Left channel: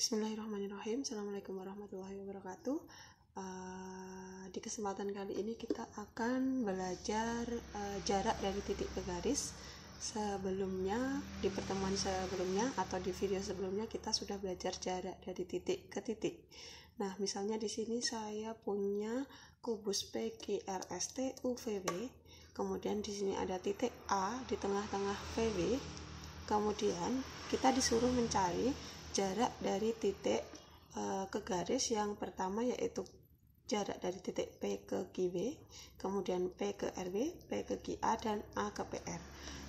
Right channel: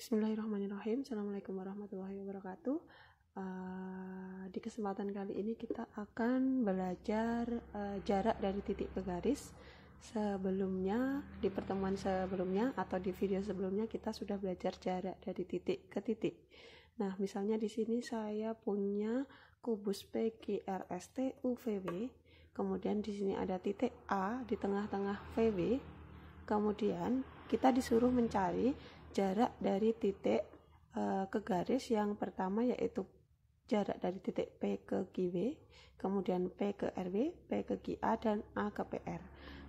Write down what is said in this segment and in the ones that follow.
Bismillahirrahmanirrahim. Assalamualaikum warahmatullahi wabarakatuh. Di kesempatan kali ini kita akan belajar jarak dari titik ke garis. Sebelumnya, di pertemuan sebelumnya atau di video sebelumnya kita sudah belajar jarak dari titik ke titik. Nah, misalnya di sini saya punya kubus PQRST UVW. Kemudian di sini ada titik A di tengah-tengah VW. Kemudian kita disuruh mencari jarak dari titik ke garis yang pertama, yaitu jarak dari titik P ke QW, kemudian P ke RW, P ke QA, dan A ke PR.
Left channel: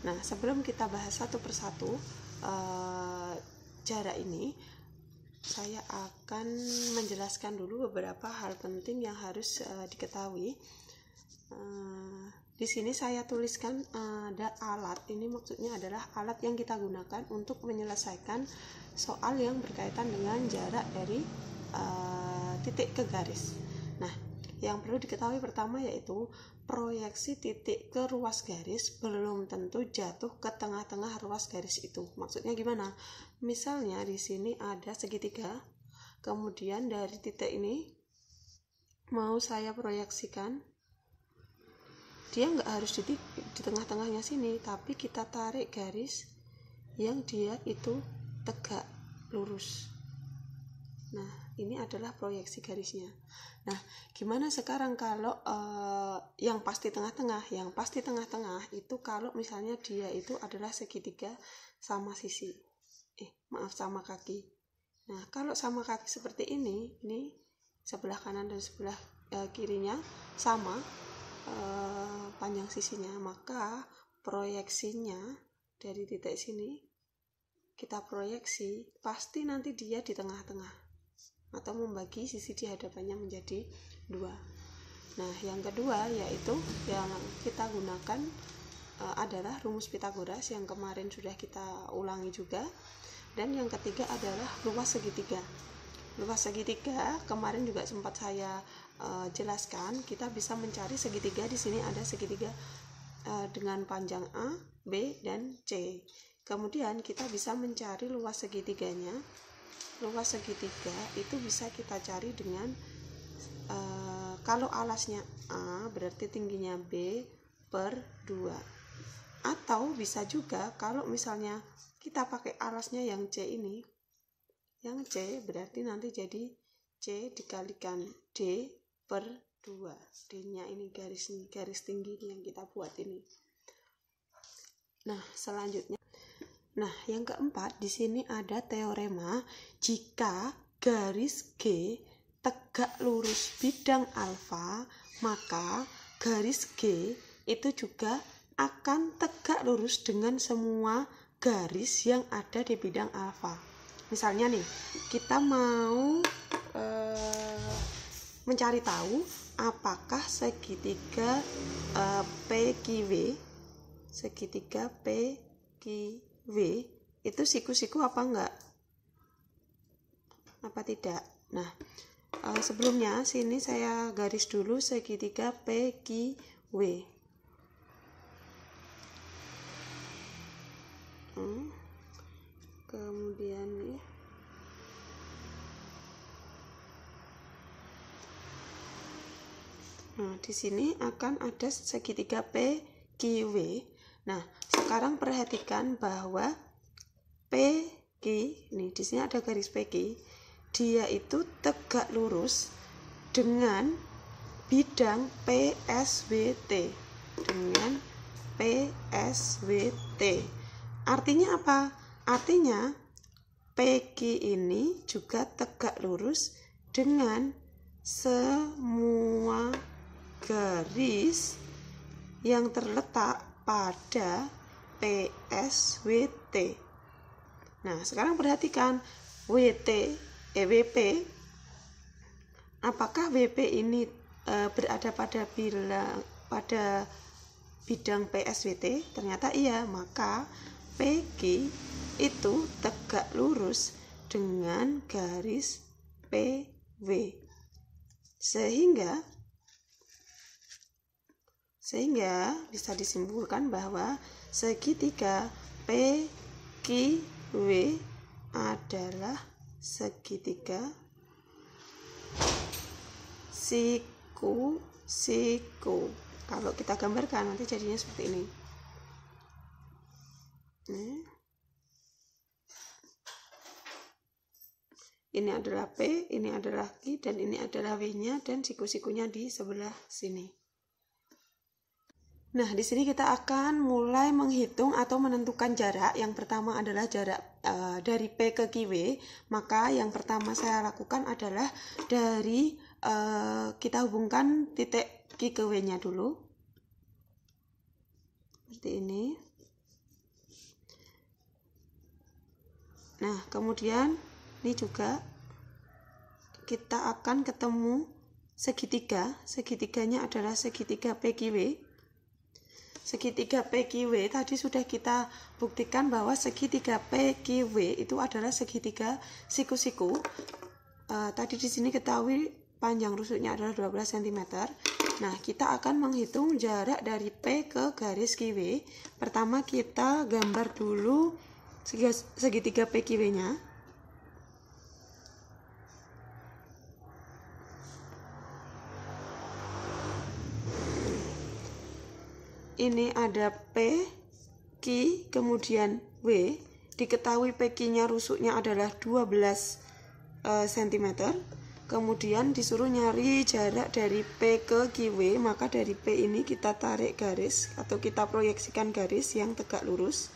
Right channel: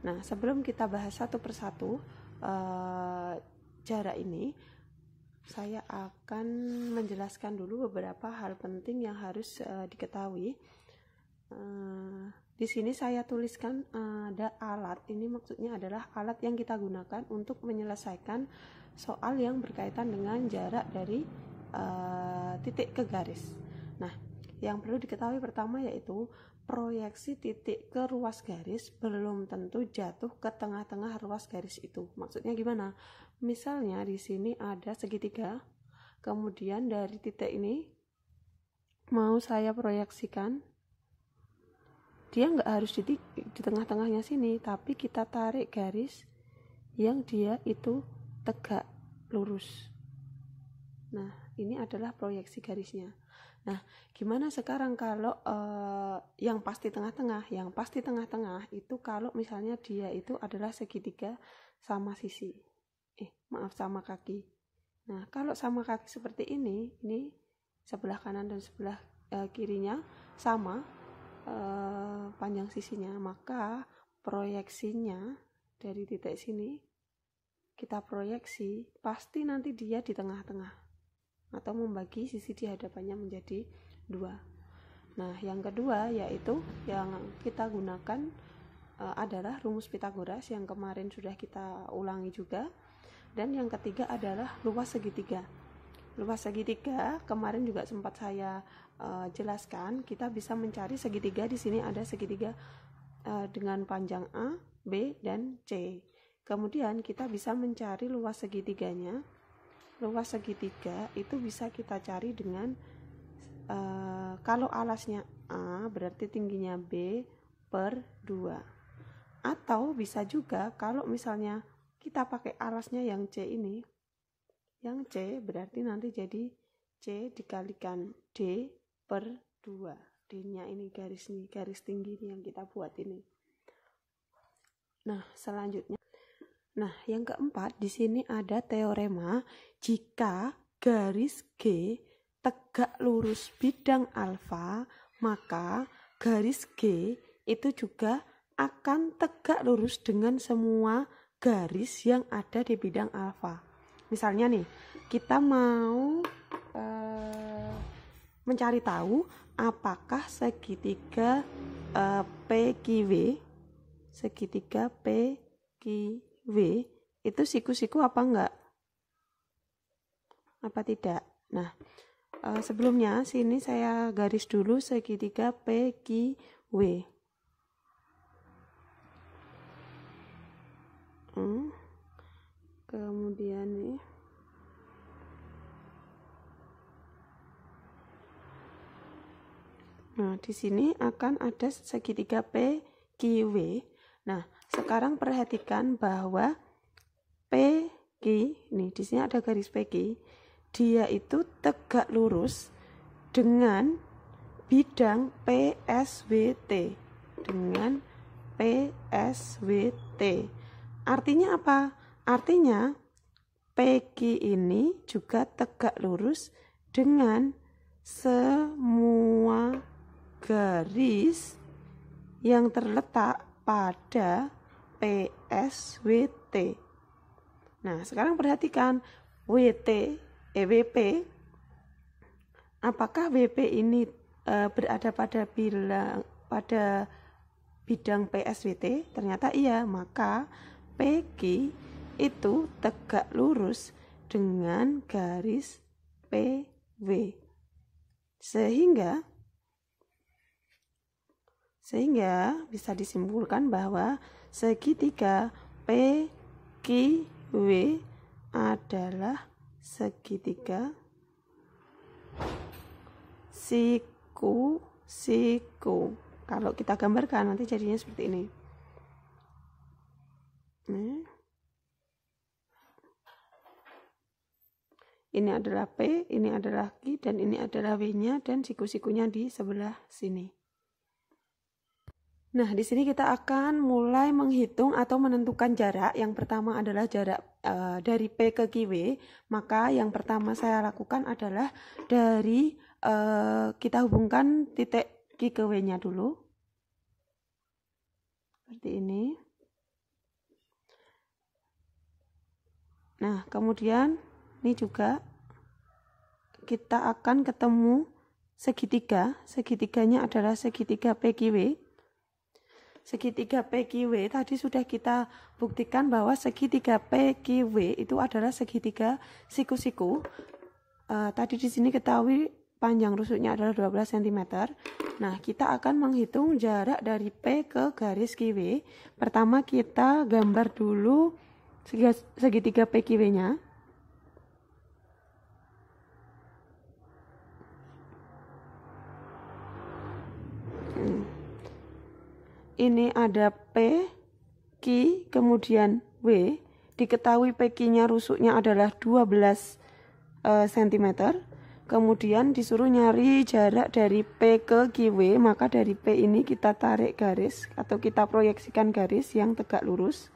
Nah, sebelum kita bahas satu persatu jarak ini, saya akan menjelaskan dulu beberapa hal penting yang harus diketahui. Di sini saya tuliskan ada alat. Ini maksudnya adalah alat yang kita gunakan untuk menyelesaikan soal yang berkaitan dengan jarak dari titik ke garis. Nah, yang perlu diketahui pertama yaitu proyeksi titik ke ruas garis belum tentu jatuh ke tengah-tengah ruas garis itu. Maksudnya gimana? Misalnya di sini ada segitiga, kemudian dari titik ini mau saya proyeksikan, dia nggak harus di tengah-tengahnya sini, tapi kita tarik garis yang dia itu tegak lurus. Nah, ini adalah proyeksi garisnya. Nah, gimana sekarang kalau yang pasti tengah-tengah? Yang pasti tengah-tengah itu kalau misalnya dia itu adalah segitiga sama sisi. Sama kaki. Nah, kalau sama kaki seperti ini sebelah kanan dan sebelah kirinya sama panjang sisinya, maka proyeksinya dari titik sini kita proyeksi pasti nanti dia di tengah-tengah atau membagi sisi di hadapannya menjadi dua. Nah, yang kedua yaitu yang kita gunakan adalah rumus Pitagoras yang kemarin sudah kita ulangi juga. Dan yang ketiga adalah luas segitiga. Luas segitiga kemarin juga sempat saya jelaskan. Kita bisa mencari segitiga. Di sini ada segitiga dengan panjang A, B, dan C. Kemudian kita bisa mencari luas segitiganya. Luas segitiga itu bisa kita cari dengan kalau alasnya A berarti tingginya B per 2. Atau bisa juga kalau misalnya kita pakai alasnya yang C ini, yang C berarti nanti jadi C dikalikan D per 2. D-nya ini garis tinggi yang kita buat ini. Nah, selanjutnya. Nah, yang keempat di sini ada teorema jika garis G tegak lurus bidang alfa, maka garis G itu juga akan tegak lurus dengan semua garis yang ada di bidang alfa. Misalnya nih, kita mau mencari tahu apakah segitiga PQW itu siku-siku apa enggak? Apa tidak? Nah, sebelumnya sini saya garis dulu segitiga PQW. Kemudian nih, nah di sini akan ada segitiga PQW. Nah, sekarang perhatikan bahwa PQ nih, di sini ada garis PQ, dia itu tegak lurus dengan bidang PSWT, dengan PSWT. Artinya apa? Artinya PQ ini juga tegak lurus dengan semua garis yang terletak pada PSWT. Nah, sekarang perhatikan WP. Apakah WP ini berada pada bidang PSWT? Ternyata iya, maka PQ itu tegak lurus dengan garis PW. Sehingga bisa disimpulkan bahwa segitiga PQW adalah segitiga, siku, siku. Kalau kita gambarkan nanti jadinya seperti ini. Ini adalah P, ini adalah Q, dan ini adalah W-nya, dan siku-sikunya di sebelah sini. Nah, di sini kita akan mulai menghitung atau menentukan jarak. Yang pertama adalah jarak dari P ke QW. Maka yang pertama saya lakukan adalah dari kita hubungkan titik Q ke W-nya dulu. Seperti ini. Nah, kemudian ini juga kita akan ketemu segitiga. Segitiganya adalah segitiga PQW. Segitiga PQW tadi sudah kita buktikan bahwa segitiga PQW itu adalah segitiga siku-siku. Tadi di sini ketahui panjang rusuknya adalah 12 cm. Nah, kita akan menghitung jarak dari P ke garis QW. Pertama kita gambar dulu segitiga PQW-nya. Ini ada P, Q, kemudian W. Diketahui PQ-nya rusuknya adalah 12 cm. Kemudian disuruh nyari jarak dari P ke QW, maka dari P ini kita tarik garis atau kita proyeksikan garis yang tegak lurus.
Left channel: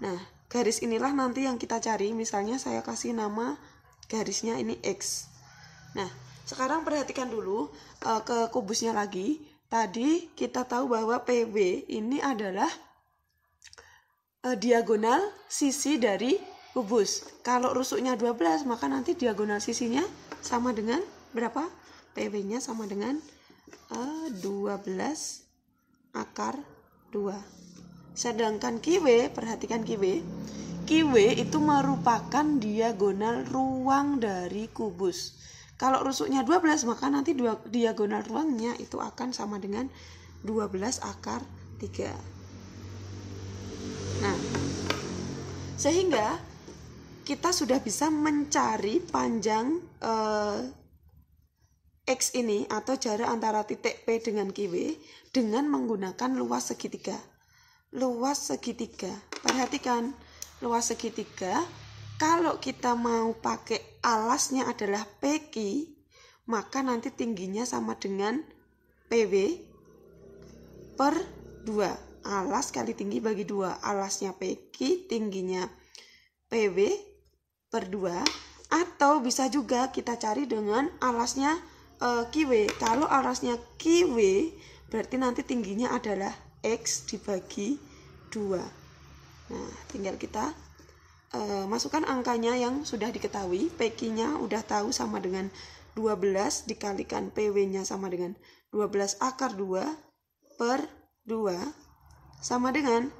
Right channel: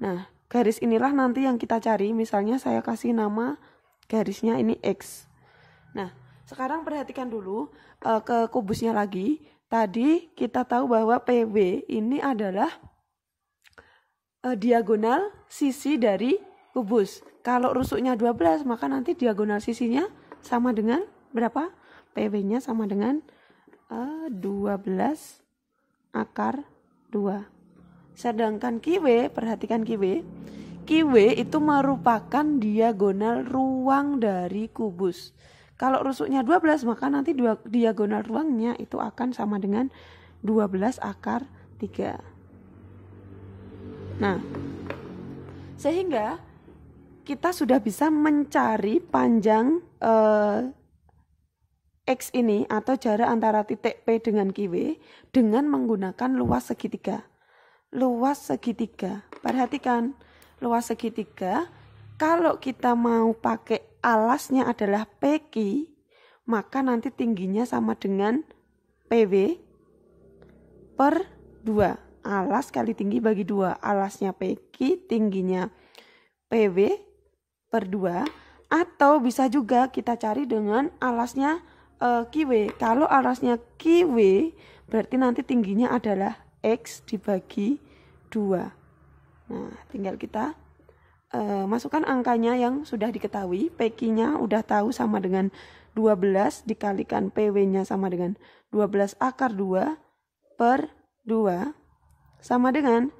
Nah, garis inilah nanti yang kita cari. Misalnya saya kasih nama garisnya ini X. Nah, sekarang perhatikan dulu ke kubusnya lagi. Tadi kita tahu bahwa PB ini adalah diagonal sisi dari kubus. Kalau rusuknya 12, maka nanti diagonal sisinya sama dengan berapa? PB-nya sama dengan 12 akar 2. Sedangkan QW, perhatikan QW. QW itu merupakan diagonal ruang dari kubus. Kalau rusuknya 12, maka nanti diagonal ruangnya itu akan sama dengan 12 akar 3. Nah, sehingga kita sudah bisa mencari panjang X ini atau jarak antara titik P dengan QW dengan menggunakan luas segitiga. Luas segitiga, perhatikan luas segitiga. Kalau kita mau pakai alasnya adalah PQ, maka nanti tingginya sama dengan PW per 2. Alas kali tinggi bagi 2. Alasnya PQ, tingginya PW per 2. Atau bisa juga kita cari dengan alasnya QW. Kalau alasnya QW, berarti nanti tingginya adalah X dibagi 2. Nah, tinggal kita masukkan angkanya yang sudah diketahui. PQ-nya udah tahu sama dengan 12 dikalikan PW-nya sama dengan 12 akar 2 per 2 sama dengan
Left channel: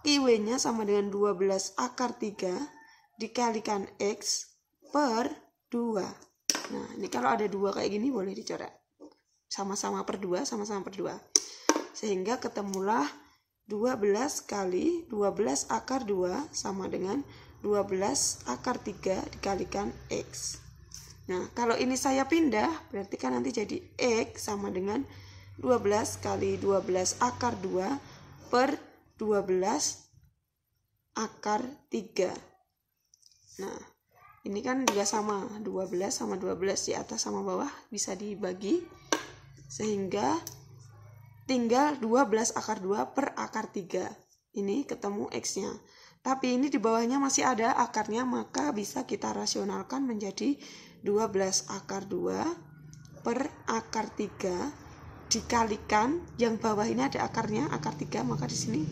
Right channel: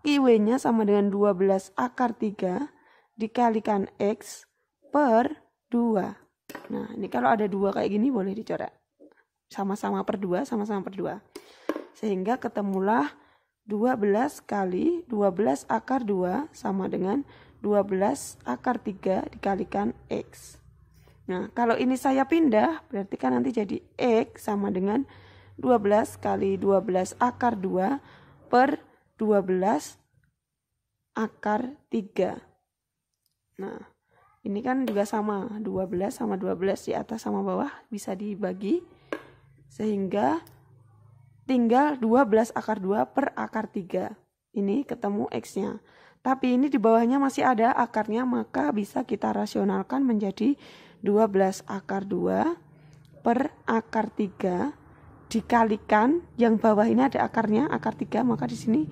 QW-nya sama dengan 12 akar 3 dikalikan X per 2. Nah, ini kalau ada 2 kayak gini boleh dicoret. Sama-sama per 2, sama-sama per 2. Sehingga ketemulah 12 kali 12 akar 2 sama dengan 12 akar 3 dikalikan X. Nah, kalau ini saya pindah, berarti kan nanti jadi X sama dengan 12 kali 12 akar 2 per 12 akar 3. Nah, ini kan juga sama, 12 sama 12 di atas sama bawah bisa dibagi. Sehingga tinggal 12 akar 2 per akar 3. Ini ketemu X-nya. Tapi ini di bawahnya masih ada akarnya, maka bisa kita rasionalkan menjadi 12 akar 2 per akar 3 dikalikan yang bawah ini ada akarnya, akar 3, maka di sini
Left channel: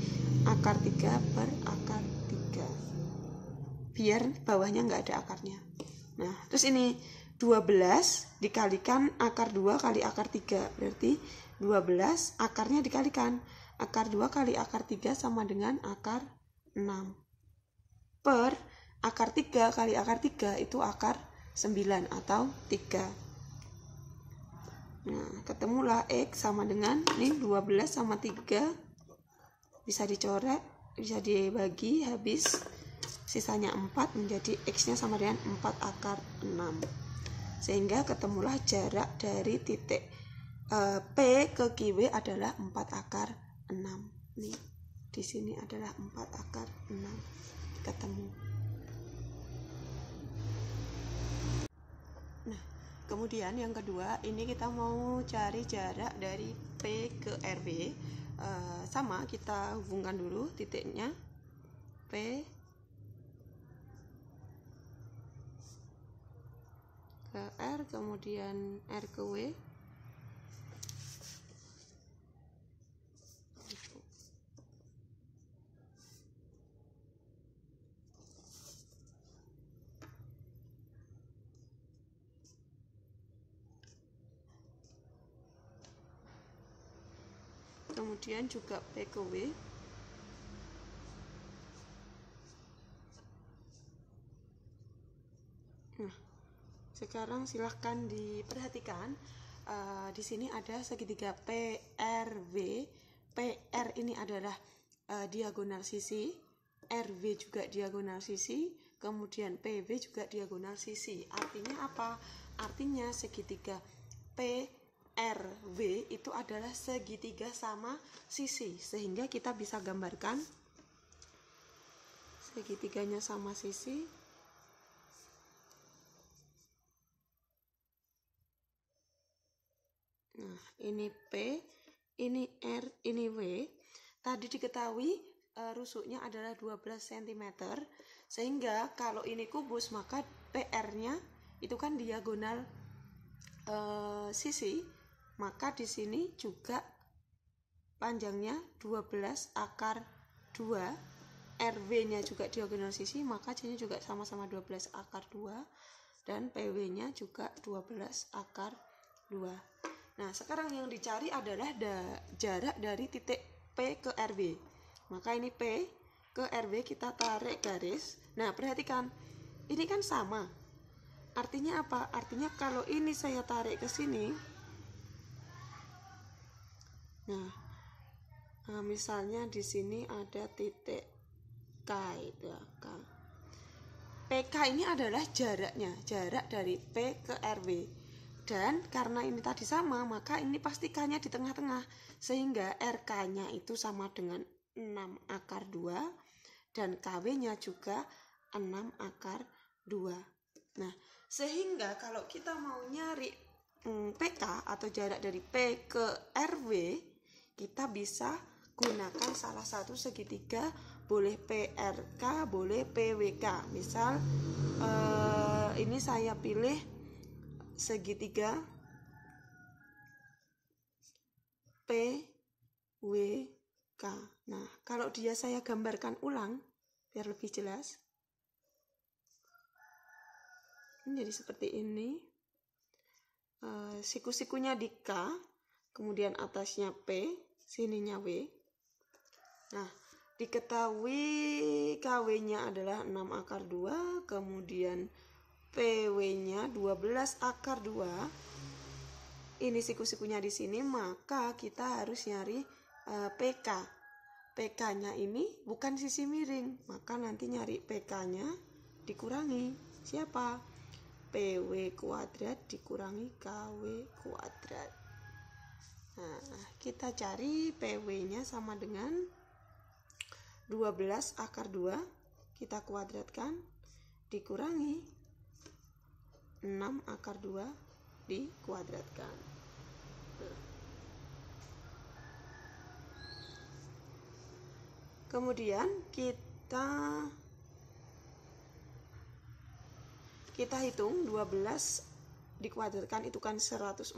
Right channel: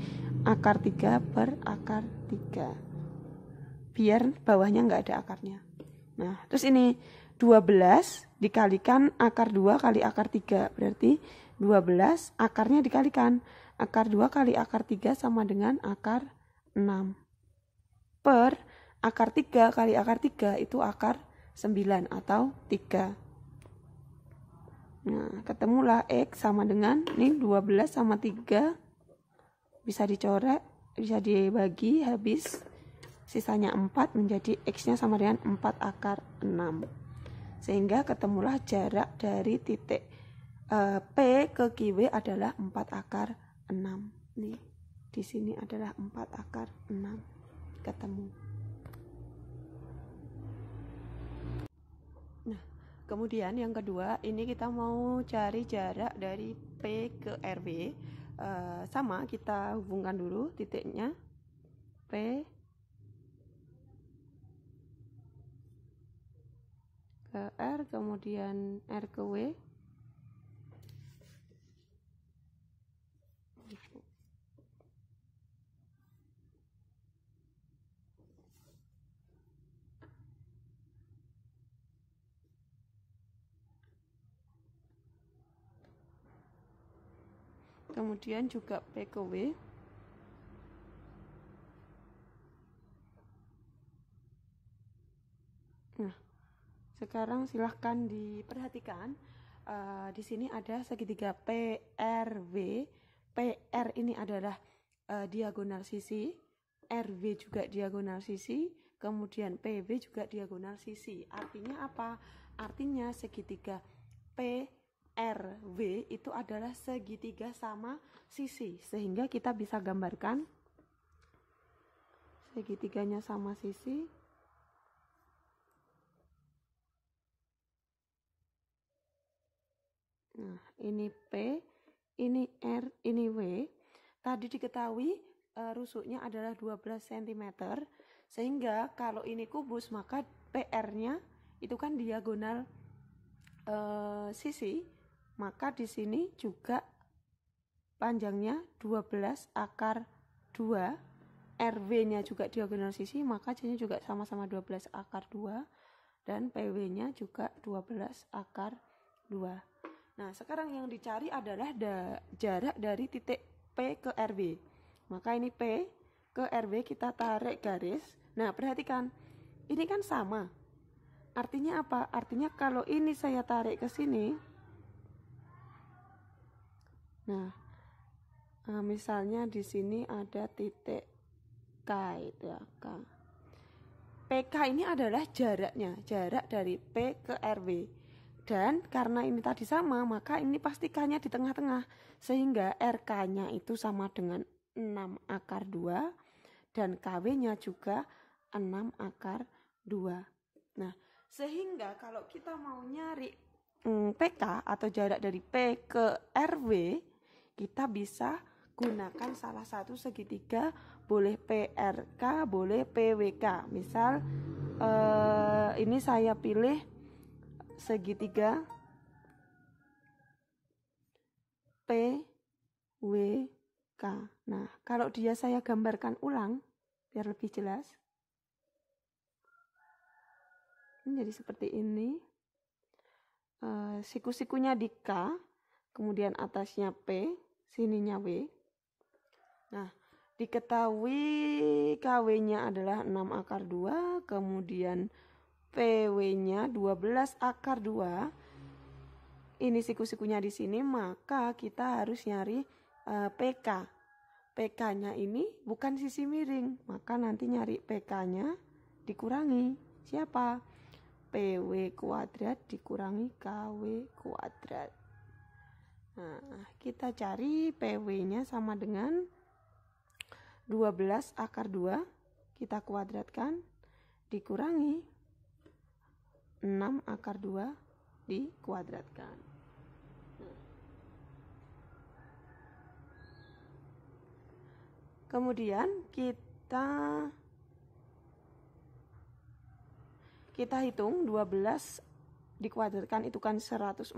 akar 3 per akar 3. Biar bawahnya nggak ada akarnya. Nah, terus ini 12 dikalikan akar 2 kali akar 3, berarti 12 akarnya dikalikan akar 2 kali akar 3 sama dengan akar 6 per akar 3 kali akar 3 itu akar 9 atau 3. Nah, ketemulah X sama dengan ini 12 sama 3 bisa dicoret, bisa dibagi habis sisanya 4 menjadi X-nya sama dengan 4 akar 6. Sehingga ketemulah jarak dari titik P ke QW adalah 4 akar 6. Nih, di sini adalah 4 akar 6 ketemu. Nah, kemudian yang kedua, ini kita mau cari jarak dari P ke RW. Sama, kita hubungkan dulu titiknya P ke R, kemudian R ke W. Kemudian juga P ke W. Nah, sekarang silahkan diperhatikan. Di sini ada segitiga PRW. PR ini adalah diagonal sisi, RW juga diagonal sisi, kemudian PW juga diagonal sisi. Artinya apa? Artinya segitiga PRW itu adalah segitiga sama sisi, sehingga kita bisa gambarkan segitiganya sama sisi. Nah, ini P, ini R, ini W. Tadi diketahui rusuknya adalah 12 cm. Sehingga kalau ini kubus, maka PR-nya itu kan diagonal sisi. Maka di sini juga panjangnya 12 akar 2. RW-nya juga diagonal sisi, maka C-nya juga sama-sama 12 akar 2. Dan PW-nya juga 12 akar 2. Nah, sekarang yang dicari adalah jarak dari titik P ke RW. Maka ini P ke RW kita tarik garis. Nah, perhatikan. Ini kan sama. Artinya apa? Artinya kalau ini saya tarik ke sini. Nah, misalnya di sini ada titik K itu ya, K. PK ini adalah jaraknya, jarak dari P ke RW. Dan karena ini tadi sama, maka ini pasti K-nya di tengah-tengah. Sehingga RK-nya itu sama dengan 6 akar 2. Dan KW-nya juga 6 akar 2. Nah, sehingga kalau kita mau nyari PK atau jarak dari P ke RW, kita bisa gunakan salah satu segitiga. Boleh PRK, boleh PWK. Misal ini saya pilih segitiga PWK. Nah, kalau dia saya gambarkan ulang biar lebih jelas. Ini jadi seperti ini. Siku-sikunya di K, kemudian atasnya P, sininya W. Nah, diketahui KW-nya adalah 6 akar 2, kemudian PW-nya 12 akar 2. Ini siku-sikunya di sini, maka kita harus nyari PK. PK-nya ini bukan sisi miring, maka nanti nyari PK-nya dikurangi siapa? PW kuadrat dikurangi KW kuadrat. Nah, kita cari PW-nya sama dengan 12 akar 2, kita kuadratkan, dikurangi 6 akar 2 dikuadratkan. Kemudian kita hitung 12 dikuadratkan itu kan 144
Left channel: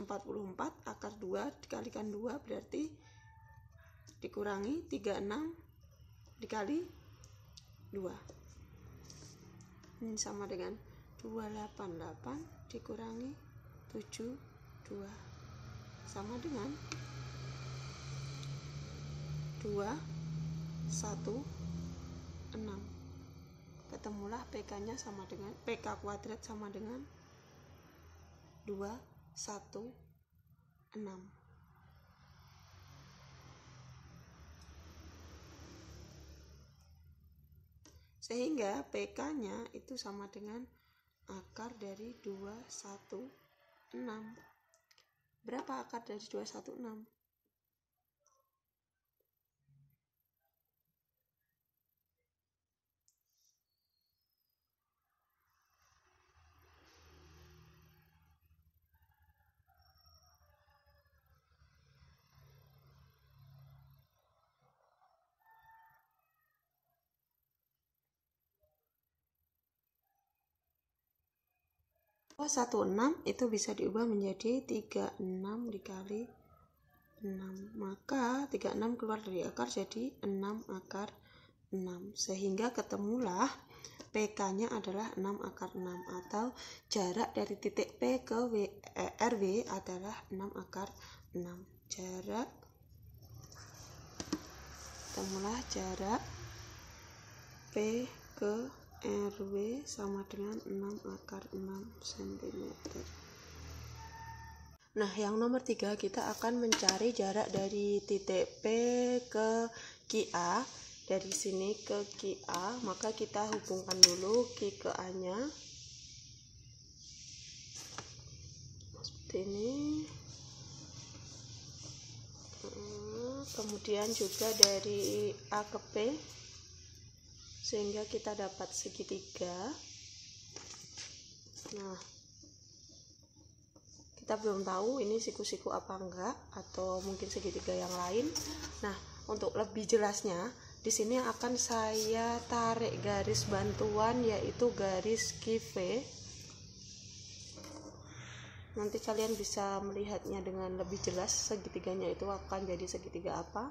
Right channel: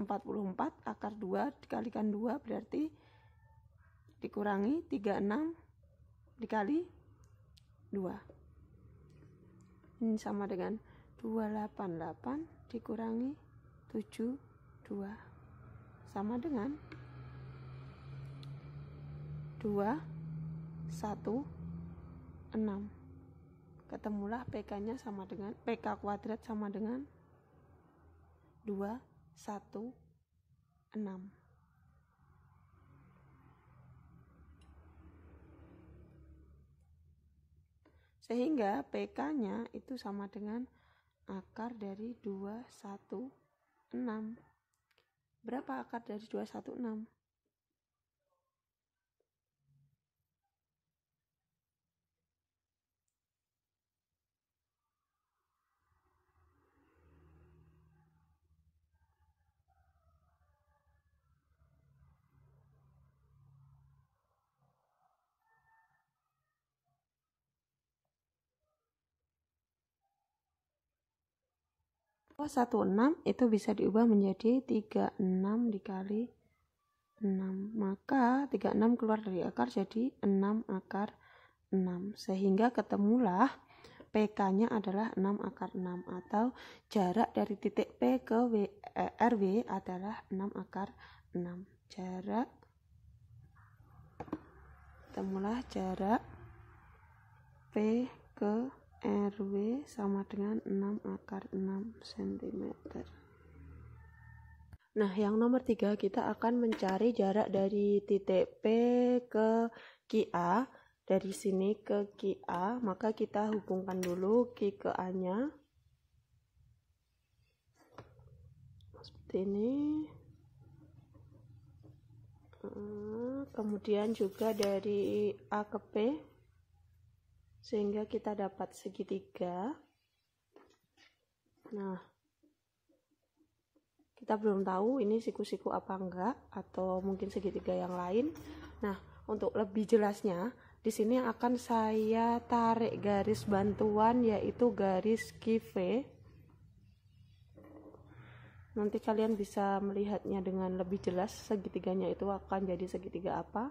akar 2 dikalikan 2 berarti dikurangi 36 dikali 2. Ini sama dengan 288 dikurangi 72 sama dengan 216. Ketemulah PK-nya sama dengan PK kuadrat sama dengan 216. Sehingga PK-nya itu sama dengan akar dari 216. Berapa akar dari 216? Oh, 16 itu bisa diubah menjadi 36 dikali 6. Maka 36 keluar dari akar jadi 6 akar 6. Sehingga ketemulah PK-nya adalah 6 akar 6 atau jarak dari titik P ke RW adalah 6 akar 6. Ketemulah jarak P ke RW sama dengan 6 akar 6 cm. Nah, yang nomor 3 kita akan mencari jarak dari titik P ke QA. Dari sini ke QA, maka kita hubungkan dulu Q ke A-nya. Seperti ini. Kemudian juga dari A ke P, sehingga kita dapat segitiga. Nah, kita belum tahu ini siku-siku apa enggak, atau mungkin segitiga yang lain. Nah, untuk lebih jelasnya, di sini akan saya tarik garis bantuan, yaitu garis QV. Nanti kalian bisa melihatnya dengan lebih jelas segitiganya itu akan jadi segitiga apa.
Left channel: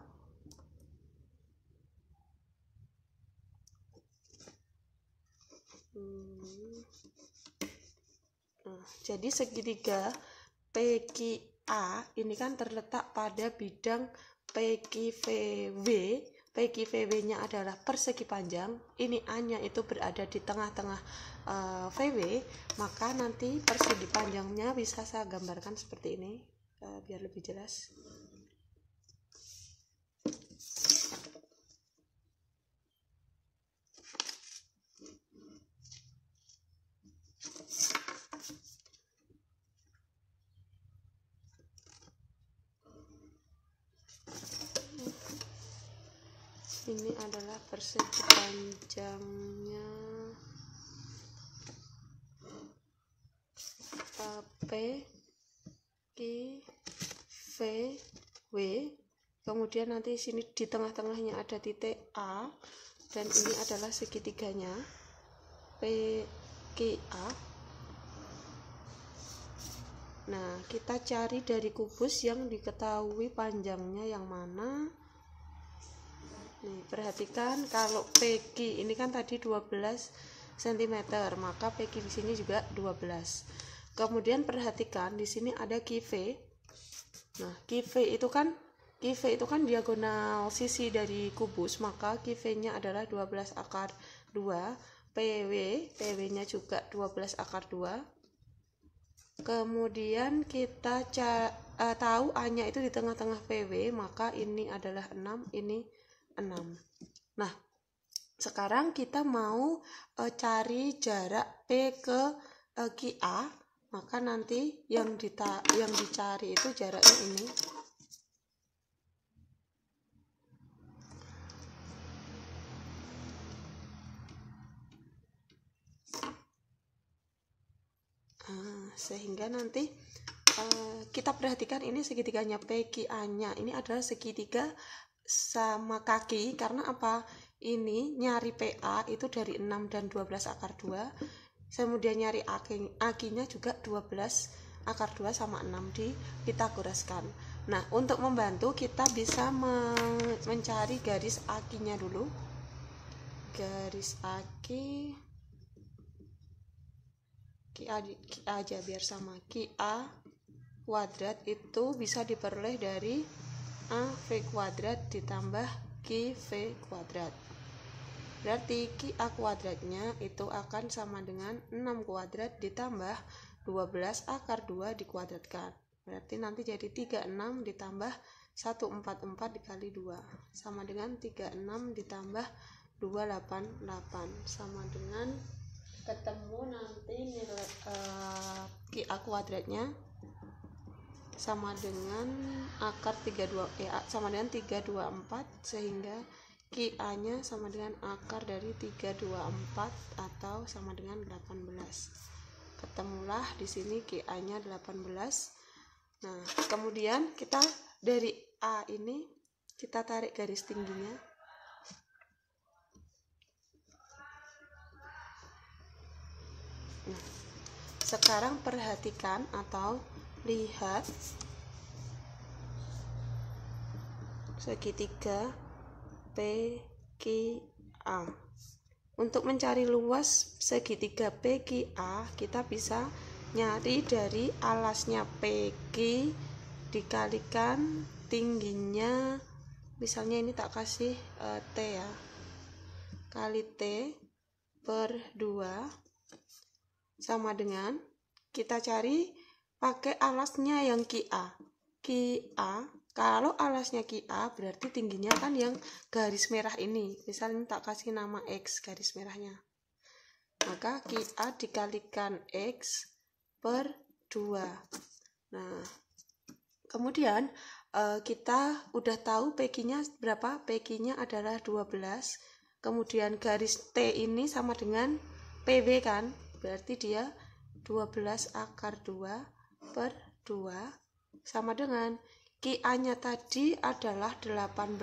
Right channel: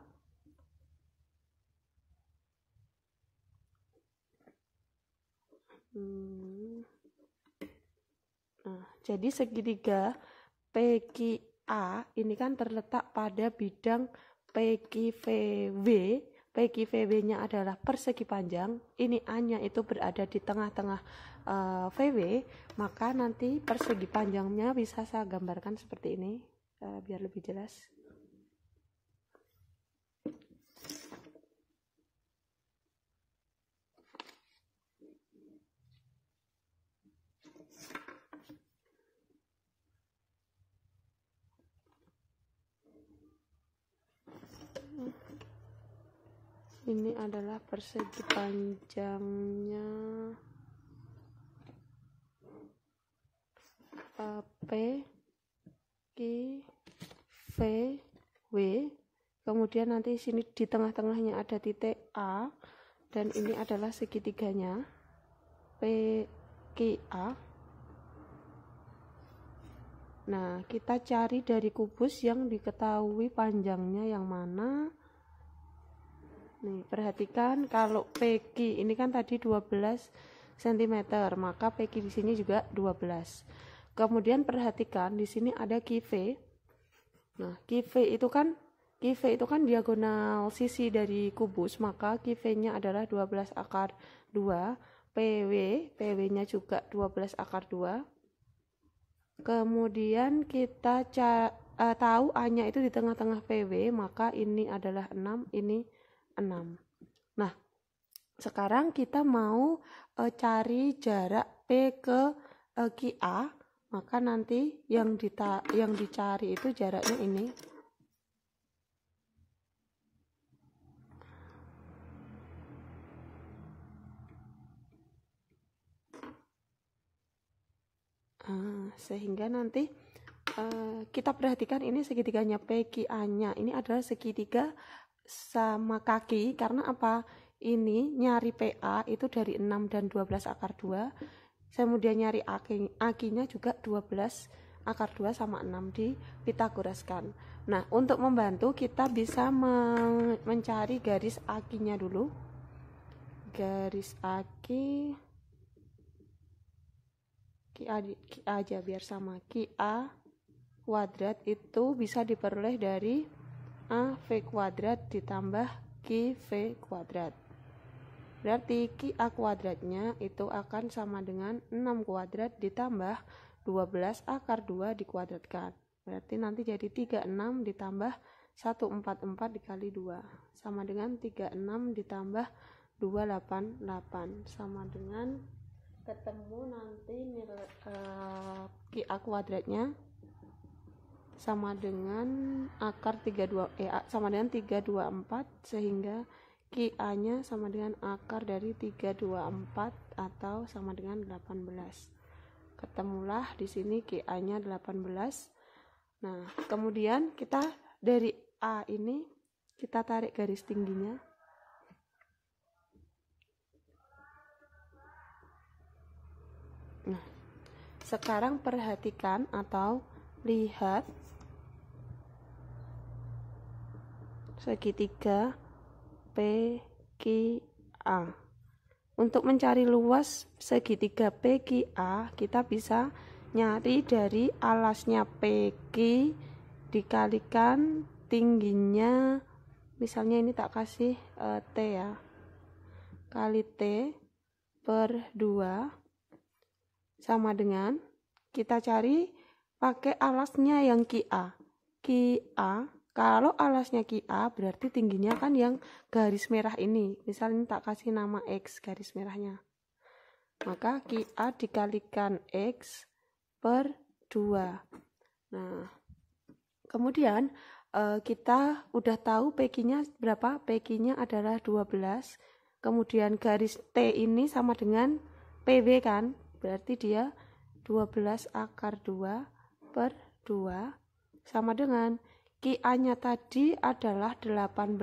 Nah, jadi segitiga PQA ini kan terletak pada bidang PQVW. PQVW-nya adalah persegi panjang. Ini A-nya itu berada di tengah-tengah VW, maka nanti persegi panjangnya bisa saya gambarkan seperti ini biar lebih jelas. Ini adalah persegi panjangnya P Q V W. Kemudian nanti sini di tengah-tengahnya ada titik A, dan ini adalah segitiganya P Q A. Nah, kita cari dari kubus yang diketahui panjangnya yang mana. Nih, perhatikan kalau PQ ini kan tadi 12 cm, maka PQ di sini juga 12. Kemudian perhatikan di sini ada QV. Nah, QV itu kan diagonal sisi dari kubus, maka QV-nya adalah 12 akar 2, PW-nya juga 12 akar 2. Kemudian kita tahu A-nya itu di tengah-tengah PW, maka ini adalah 6, ini 6. Nah, sekarang kita mau cari jarak P ke QA, maka nanti yang dicari itu jaraknya ini. Sehingga nanti kita perhatikan ini segitiganya PQA-nya. Ini adalah segitiga sama kaki, karena apa? Ini nyari PA itu dari 6 dan 12 akar 2. Kemudian nyari AK-nya juga 12 akar 2 sama 6 di Pitagoraskan. Nah, untuk membantu kita bisa mencari garis AK-nya dulu. Garis AK aja biar sama. QA kuadrat itu bisa diperoleh dari AV kuadrat ditambah QV kuadrat. Berarti QA kuadratnya itu akan sama dengan 6 kuadrat ditambah 12 akar 2 dikuadratkan. Berarti nanti jadi 36 ditambah 144 dikali 2 sama dengan 36 ditambah 288 sama dengan ketemu nanti nilai QA kuadratnya sama dengan akar 32 sama dengan 324, sehingga QA nya sama dengan akar dari 324 atau sama dengan 18. Ketemulah di sini QA nya 18. Nah, kemudian kita dari A ini kita tarik garis tingginya. Nah, sekarang perhatikan atau lihat segitiga PQA. Untuk mencari luas segitiga PQA, kita bisa nyari dari alasnya PQ dikalikan tingginya, misalnya ini tak kasih T ya, kali T per 2 sama dengan, kita cari pakai alasnya yang QA. Kalau alasnya QA berarti tingginya kan yang garis merah ini, misalnya tak kasih nama X garis merahnya, maka QA dikalikan X per 2. Nah, kemudian kita udah tahu PQ-nya berapa, PQ-nya adalah 12, kemudian garis T ini sama dengan PB kan, berarti dia 12 akar 2 per 2 sama dengan QA-nya tadi adalah 18.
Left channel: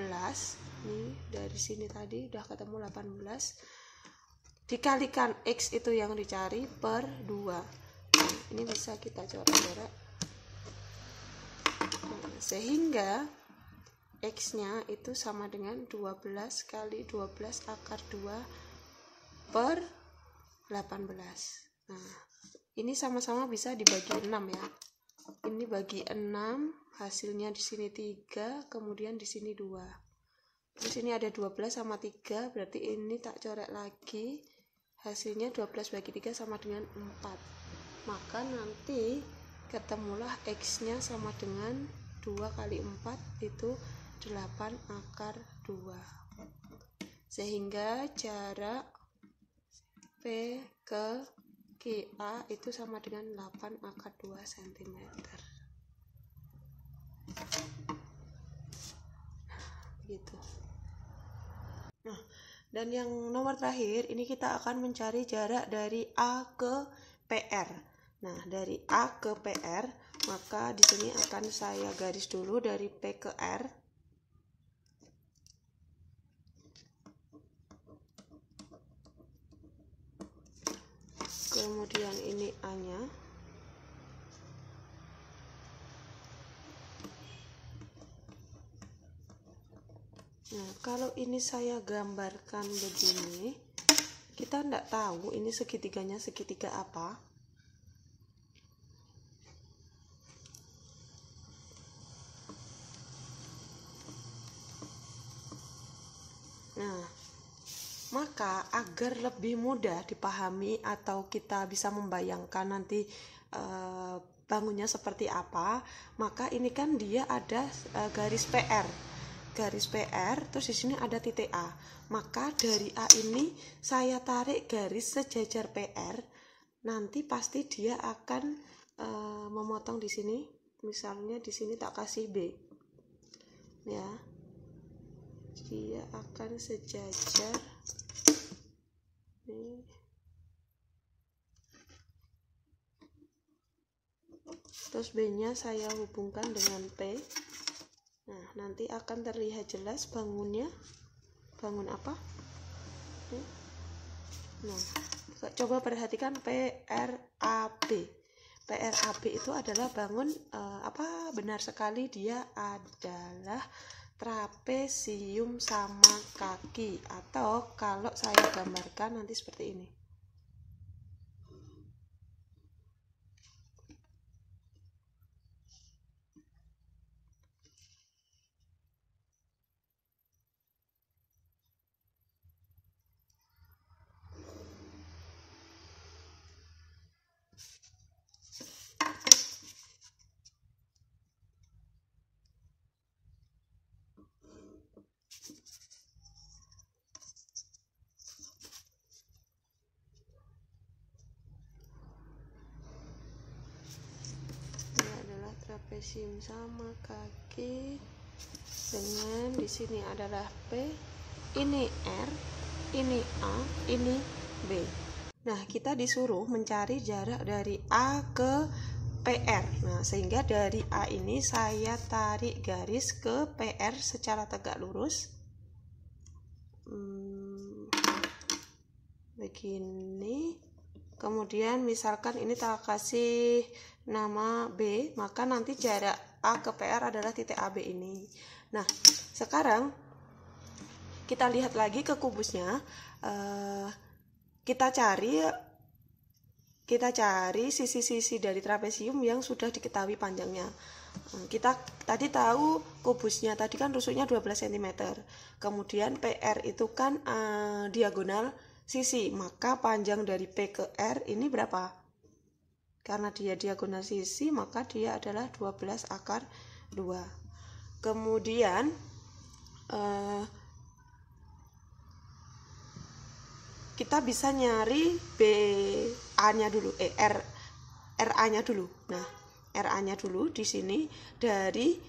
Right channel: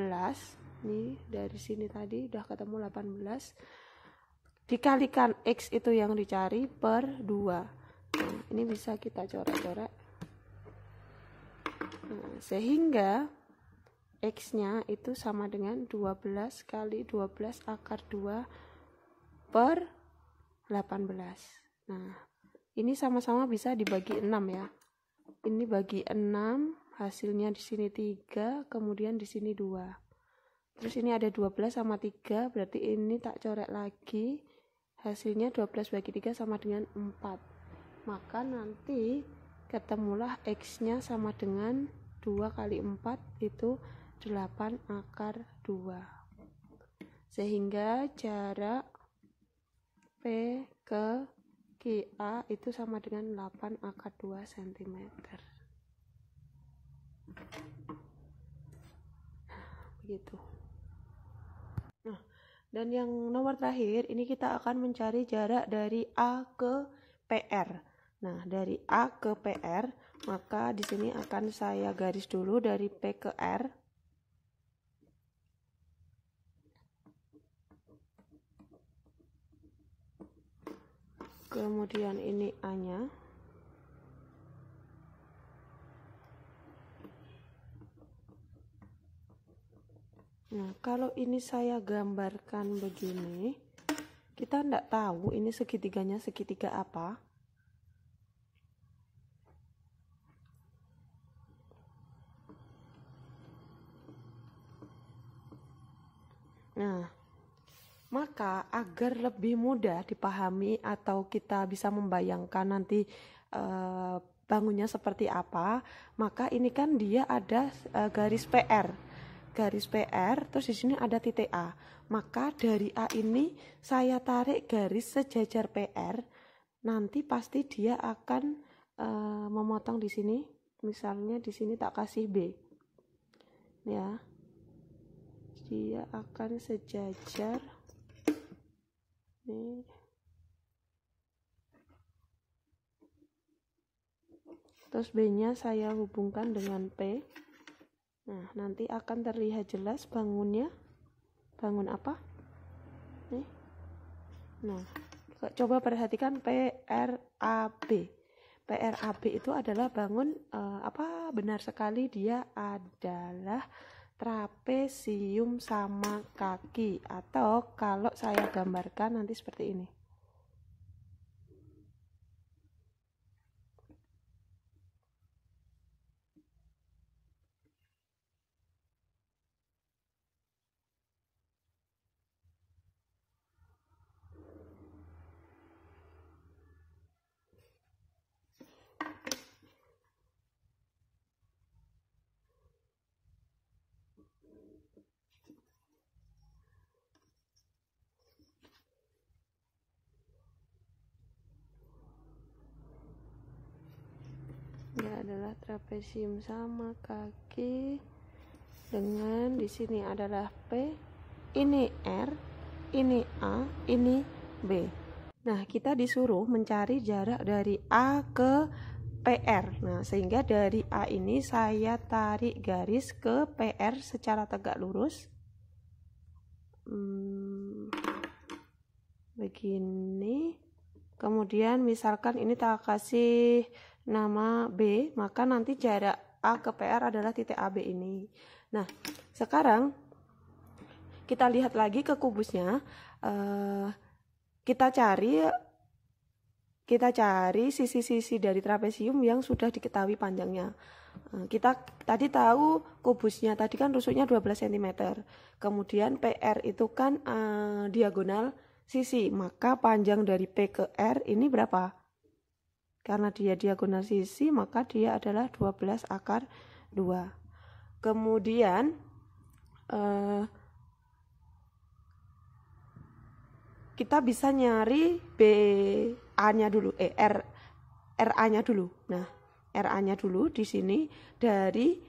Nih dari sini tadi udah ketemu 18 dikalikan X itu yang dicari per 2. Nah, ini bisa kita coret-coret. Nah, sehingga X-nya itu sama dengan 12 kali 12 akar 2 per 18. Nah, ini sama-sama bisa dibagi 6 ya. Ini bagi 6, hasilnya di sini 3, kemudian di sini 2. Terus ini ada 12 sama 3, berarti ini tak coret lagi. Hasilnya 12 bagi 3 sama dengan 4. Maka nanti ketemulah X-nya sama dengan 2 kali 4 itu 8 akar 2. Sehingga jarak P ke QA itu sama dengan 8 akar 2 cm. Begitu. Nah, dan yang nomor terakhir ini kita akan mencari jarak dari A ke PR. Nah, dari A ke PR, maka di sini akan saya garis dulu dari P ke R. Kemudian ini A-nya. Nah, kalau ini saya gambarkan begini, kita tidak tahu ini segitiganya segitiga apa. Nah, maka agar lebih mudah dipahami atau kita bisa membayangkan nanti bangunnya seperti apa, maka ini kan dia ada garis PR. Garis PR, terus di sini ada titik A. Maka dari A ini saya tarik garis sejajar PR. Nanti pasti dia akan memotong di sini. Misalnya di sini tak kasih B. Ya. Dia akan sejajar. Nih. Terus B-nya saya hubungkan dengan P. Nah, nanti akan terlihat jelas bangunnya. Bangun apa? Nih. Nah, coba perhatikan PRAB. PRAB itu adalah bangun benar sekali dia adalah trapesium sama kaki, atau kalau saya gambarkan nanti seperti ini. trapesium sama kaki dengan di sini adalah P, ini R, ini A, ini B. Nah, kita disuruh mencari jarak dari A ke PR. Nah, sehingga dari A ini saya tarik garis ke PR secara tegak lurus. Begini. Kemudian misalkan ini tak kasih nama B, maka nanti jarak A ke PR adalah titik AB ini. Nah, sekarang kita lihat lagi ke kubusnya. Kita cari sisi-sisi dari trapesium yang sudah diketahui panjangnya. Kita tadi tahu kubusnya tadi kan rusuknya 12 cm. Kemudian PR itu kan diagonal sisi, maka panjang dari P ke R ini berapa? Karena dia diagonal sisi, maka dia adalah 12 akar 2. Kemudian kita bisa nyari BA-nya dulu, RA-nya dulu. Nah, RA-nya dulu di sini dari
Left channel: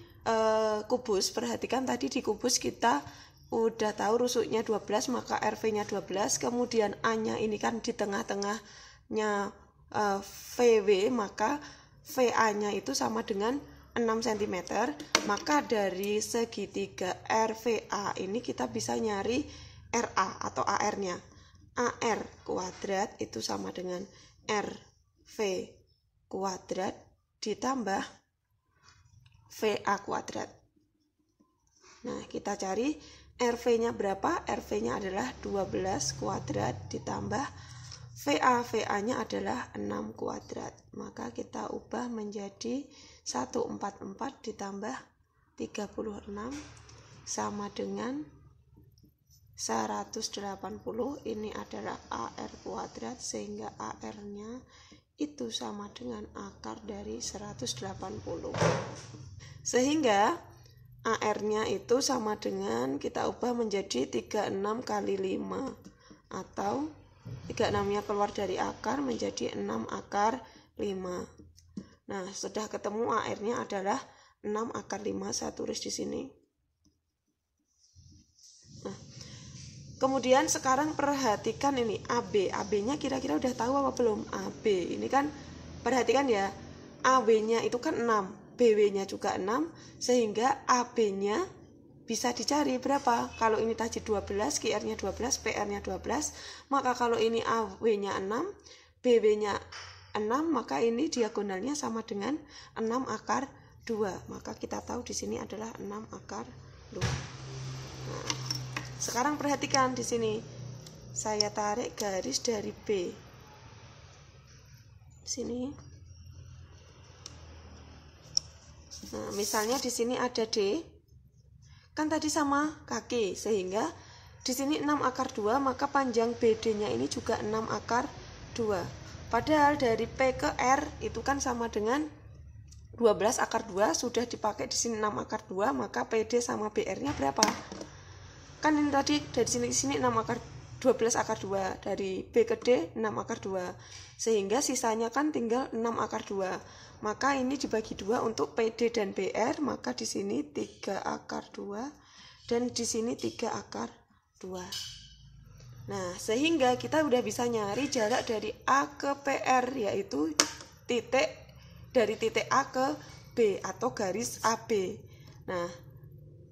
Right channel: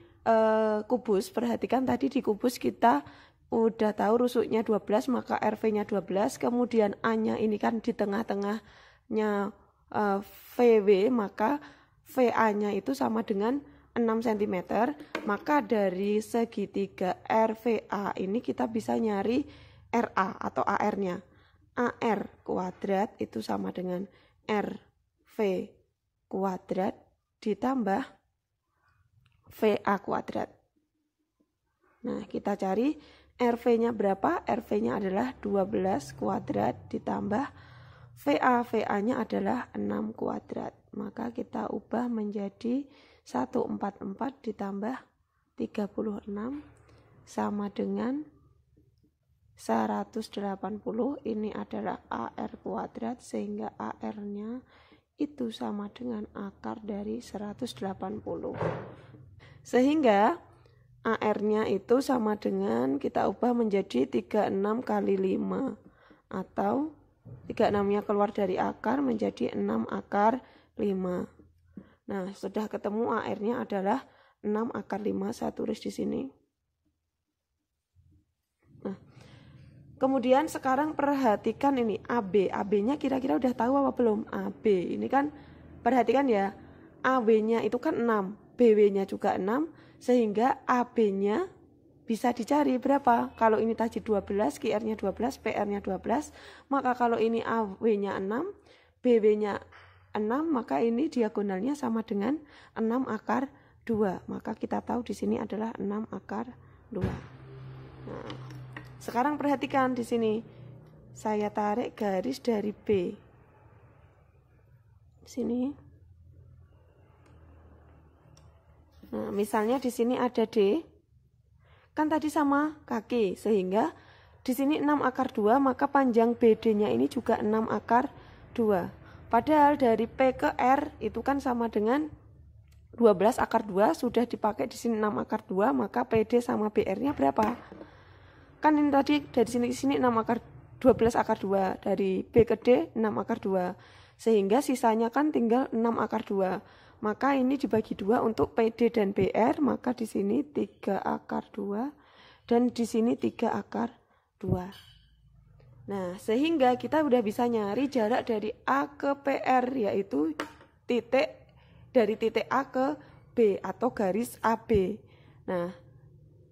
kubus. Perhatikan tadi di kubus kita udah tahu rusuknya 12, maka RV-nya 12. Kemudian A-nya ini kan di tengah-tengahnya VW, maka VA-nya itu sama dengan 6 cm. Maka dari segitiga RVA ini kita bisa nyari RA atau AR-nya. AR kuadrat itu sama dengan RV kuadrat ditambah VA kuadrat. Nah, kita cari RV-nya berapa? RV-nya adalah 12 kuadrat ditambah VA. VA-nya adalah 6 kuadrat. Maka kita ubah menjadi 144 ditambah 36 sama dengan 180. Ini adalah AR kuadrat, sehingga AR-nya itu sama dengan akar dari 180. Sehingga AR-nya itu sama dengan, kita ubah menjadi 36 kali 5, atau 36-nya keluar dari akar menjadi 6 akar 5. Nah, sudah ketemu AR-nya adalah 6 akar 5, saya tulis di sini. Kemudian sekarang perhatikan ini AB. AB-nya kira-kira udah tahu apa belum? AB ini kan perhatikan ya. AB-nya itu kan 6, BW-nya juga 6, sehingga AB-nya bisa dicari berapa? Kalau ini tadi 12, QR-nya 12, PR-nya 12, maka kalau ini AB-nya 6, BW-nya 6, maka ini diagonalnya sama dengan 6 akar 2. Maka kita tahu di sini adalah 6 akar 2. Nah, sekarang perhatikan di sini. Saya tarik garis dari B. Sini. Nah, misalnya di sini ada D. Kan tadi sama kaki, sehingga di sini 6 akar 2, maka panjang BD-nya ini juga 6 akar 2. Padahal dari P ke R itu kan sama dengan 12 akar 2, sudah dipakai di sini 6 akar 2, maka PD sama BR-nya berapa? Kan ini tadi dari sini ke sini 6 akar 12 akar 2, dari B ke D 6 akar 2, sehingga sisanya kan tinggal 6 akar 2. Maka ini dibagi 2 untuk PD dan BR, maka di sini 3 akar 2 dan di sini 3 akar 2. Nah, sehingga kita udah bisa nyari jarak dari A ke PR, yaitu dari titik A ke B atau garis AB. Nah,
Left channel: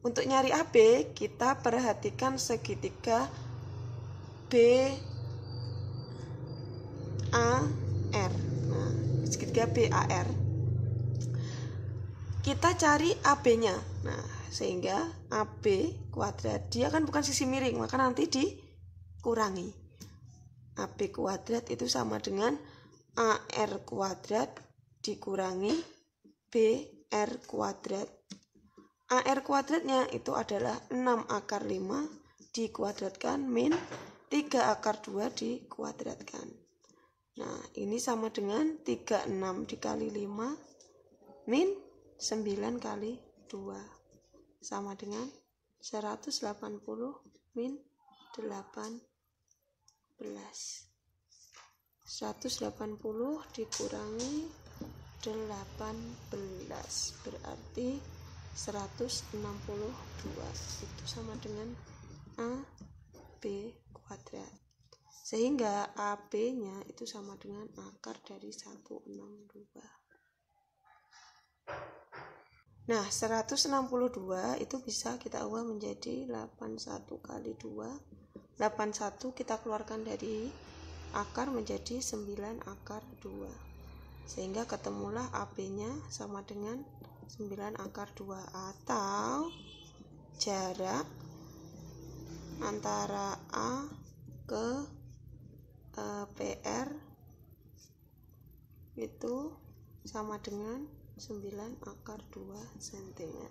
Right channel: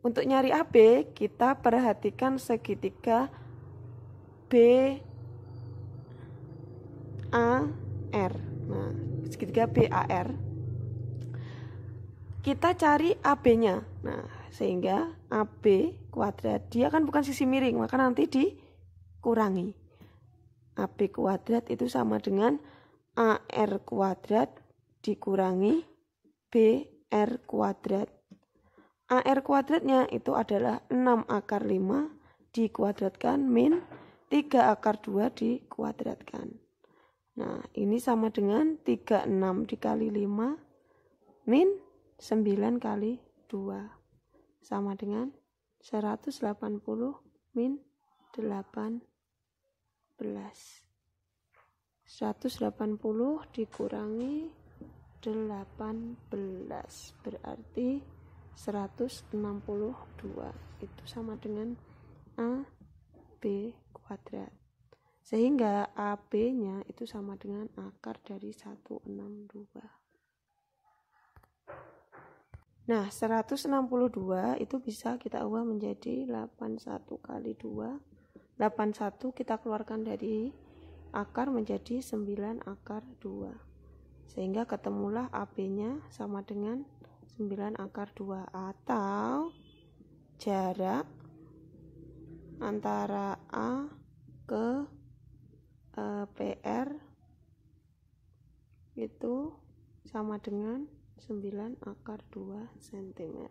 untuk nyari AB, kita perhatikan segitiga BAR. Nah, segitiga BAR. Kita cari AB-nya. Nah, sehingga AB kuadrat, dia kan bukan sisi miring, maka nanti dikurangi. AB kuadrat itu sama dengan AR kuadrat dikurangi BR kuadrat. AR kuadratnya itu adalah 6 akar 5 dikuadratkan min 3 akar 2 dikuadratkan. Nah, ini sama dengan 36 dikali 5 min 9 kali 2. Sama dengan 180 min 18. 180 dikurangi berarti 162 itu sama dengan AB kuadrat, sehingga AB nya itu sama dengan akar dari 162. Nah, 162 itu bisa kita ubah menjadi 81 kali 2. 81 kita keluarkan dari akar menjadi 9 akar 2. Sehingga ketemulah AB-nya sama dengan 9 akar 2, atau jarak antara A ke PR itu sama dengan 9 akar 2 cm.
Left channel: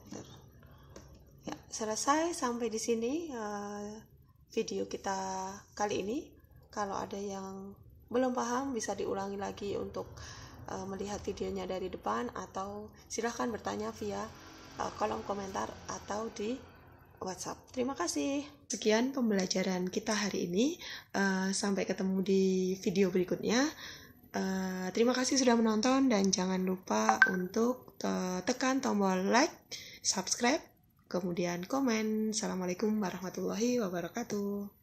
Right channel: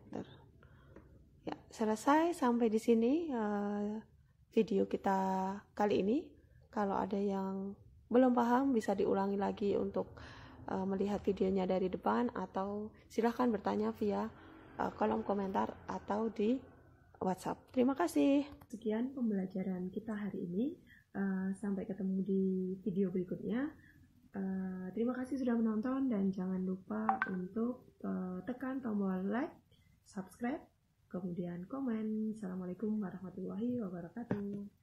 Ya, selesai sampai di sini video kita kali ini. Kalau ada yang belum paham bisa diulangi lagi untuk melihat videonya dari depan, atau silahkan bertanya via kolom komentar atau di WhatsApp. Terima kasih. Sekian pembelajaran kita hari ini. Sampai ketemu di video berikutnya. Terima kasih sudah menonton, dan jangan lupa untuk tekan tombol like, subscribe, kemudian komen. Assalamualaikum warahmatullahi wabarakatuh.